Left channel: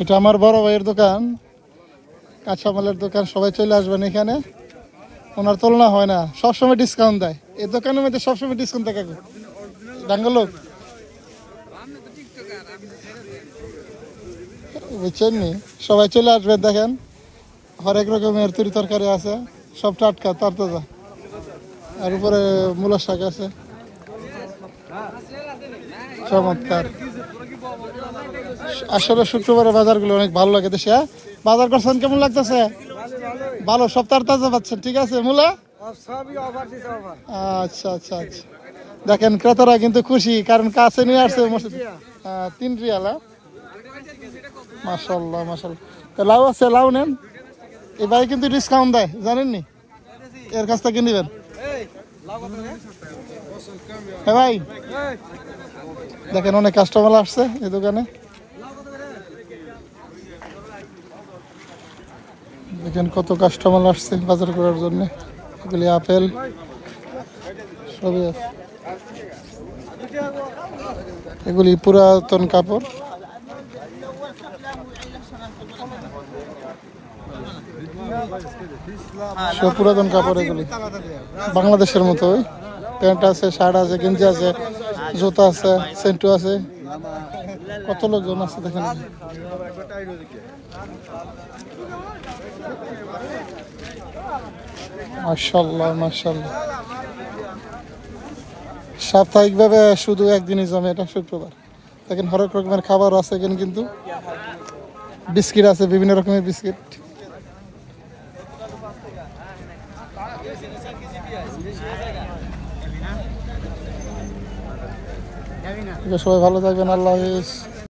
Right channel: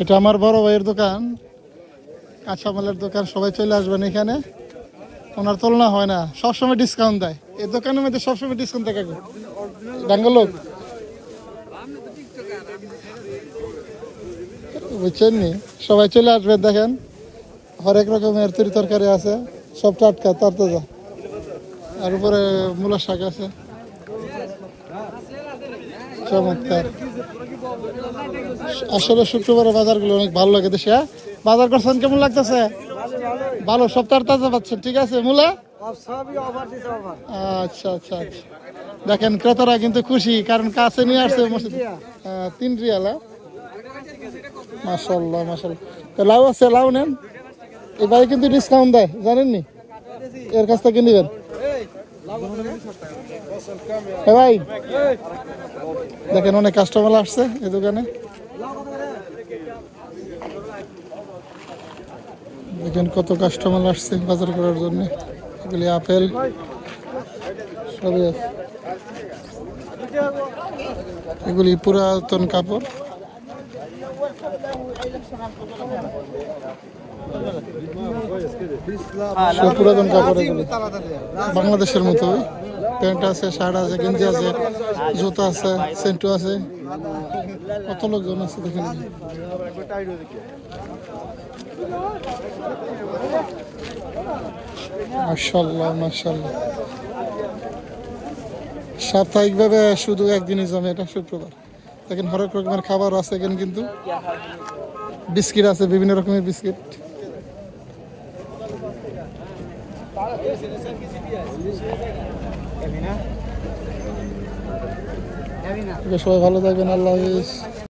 এটা আমার বড় ভাইয়ের দোকান, কাঁচামালের দোকান। সবাই চলে আসবেন এখানে, ওনার তুলনা হয় না, সবসময় ডিসকাউন্ট দেয়। এই দোকানের মধ্যে সবসময় ডিসকাউন্ট থাকে। বাঙ্গালোর বুঝছেন নি, সবাই চলে আসবেন। দেখেন হরেক রকমের তরি তরকারি আছে, সব টাটকা তরতাজা। আর উপরে মূলা শাক আছে, চমৎকার। আসলে শুক্রবারে বাজারগুলো অনেক ভালো লাগে দেশে। বাজার করছেন, কেমন লাগতেছে? ভালো, সব তরতাজা পাচ্ছেন। ঠিক আছে, মূলা আচ্ছা আচ্ছা আচ্ছা। দেখেন ক্রেতারা কিন্তু খুশি, কারণ কাছে নিয়ে আসছে। 3 রিয়াল। মাশাআল্লাহ মাশাআল্লাহ। তো লাউ আছে, লাউ নেন। এই ভাই কিন্তু ডিসকাউন্ট দেয়, জানেননি? এর কাছ থেকে নিবেন। ভাই দেখেন অনেক কাস্টমার আসছে এই দোকানে। দেখেন কত কাস্টমার আসছে বাজার করার জন্য। এগুলি আপেল সবই আছে। এগুলি পুরাতন কাপড়। সব পুরাতন কাপড় এগুলি, বাংলাদেশের মতো। প্যান্ট আছে, শার্ট আছে, গেঞ্জি আছে, জুতা আছে, সেন্টু আছে। কত লোকজন আছে দেখেন। মাশাআল্লাহ মাশাআল্লাহ। সাপ্তাহিকভাবে শুধু একদিনই জমে, এটা শুক্রবার। দেখেন হরেক রকমের খাবার আছে এখানে, কিন্তু বিস্কিট আছে, বিভিন্ন রকমের বিস্কিট। সবাই ভালো থাকবেন, আল্লাহ হাফেজ।